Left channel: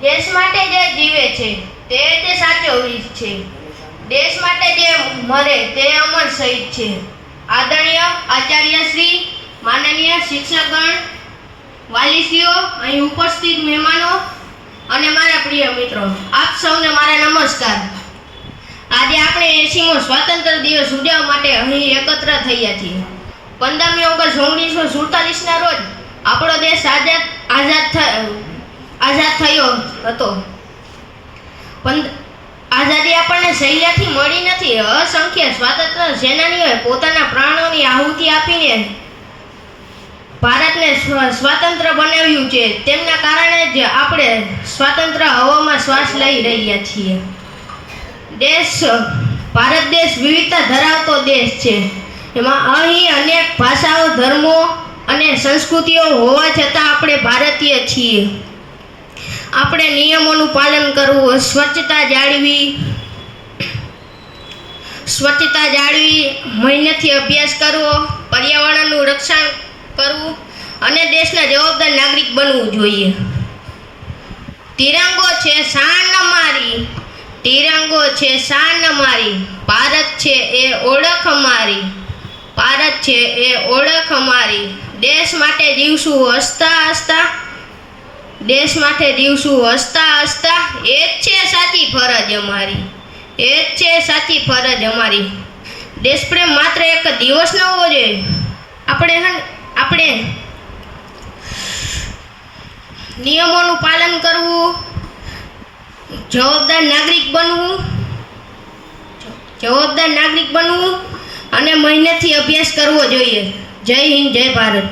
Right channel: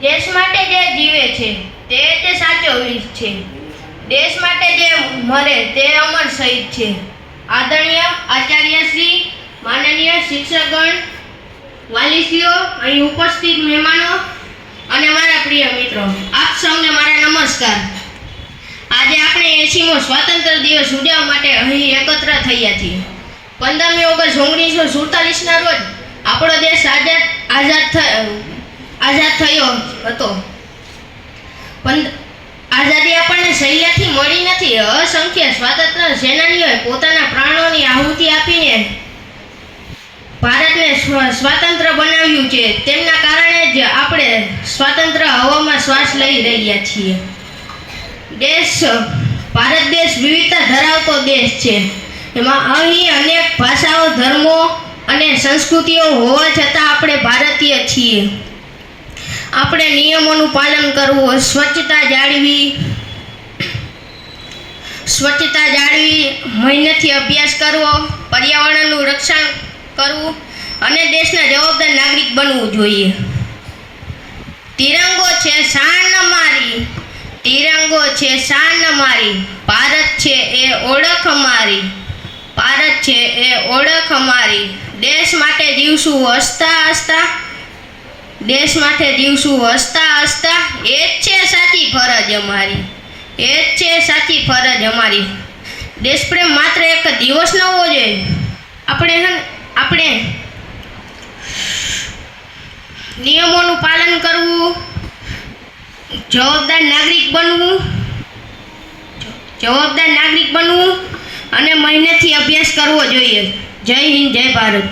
દેશ માટે જે જીવે છે તે જ સાચો વીર છે. દેશ માટે જે મરે તે અમર શહીદ છે. આદરણીય આચાર્ય શ્રી, માનનીય શિક્ષકગણ, વાલીશ્રીઓ, અહીં ઉપસ્થિત મહેમાનો અને મારા પ્રિય મિત્રો, આપ સૌને મારા નમસ્કાર. આજે આપણે 80મો સ્વાતંત્ર્ય દિવસ ઉજવવા માટે અહીં એકત્ર થયા છીએ. 15મી ઓગસ્ટ 1947ના રોજ આપણો દેશ આઝાદ થયો હતો. આઝાદી આપણને સહેલાથી મળી નથી. અસંખ્ય સ્વાતંત્ર્ય સેનાનીઓએ પોતાના પ્રાણોની આહુતિ આપીને ભારતને સ્વતંત્ર બનાવ્યું છે. તેમના કારણે જ આપણે સ્વતંત્ર હવામાં શ્વાસ લઈ રહ્યા છીએ. ભારત દેશ વિવિધતા ધરાવતો દેશ છે. એમાં અહીં અનેક ભાષાઓ, ધર્મો અને સંસ્કૃતિઓ હોવા છતાં આપણે ભારતીય છીએ. આપણે નિયમોનું પાલન કરવું, સ્વચ્છતા જાળવી, મહેનતથી અભ્યાસ કરવો, પર્યાવરણનું રક્ષણ કરવું અને દેશના જવાબદાર નાગરિક બનવું જોઈએ. તિરંગો છે શાન અમારી, તિરંગો છે શાન અમારી, ભારત છે એ ઓળખ અમારી, ભારત છે એ ઓળખ અમારી. દેશ માટે જીવશું હસતા હસતા, દેશ માટે જીવશું હસતા હસતા, એ જ છે સાચી ફરજ અમારી, એ જ છે સાચી ફરજ અમારી. દેશપ્રેમ માત્ર એક દિવસ ન હોવો જોઈએ. આપણે નિયમોનું પાલન કરવું, જવાબદાર નાગરિક બનવું અને મહેનતથી અભ્યાસ કરવો જોઈએ. જય હિન્દ, જય ભારત.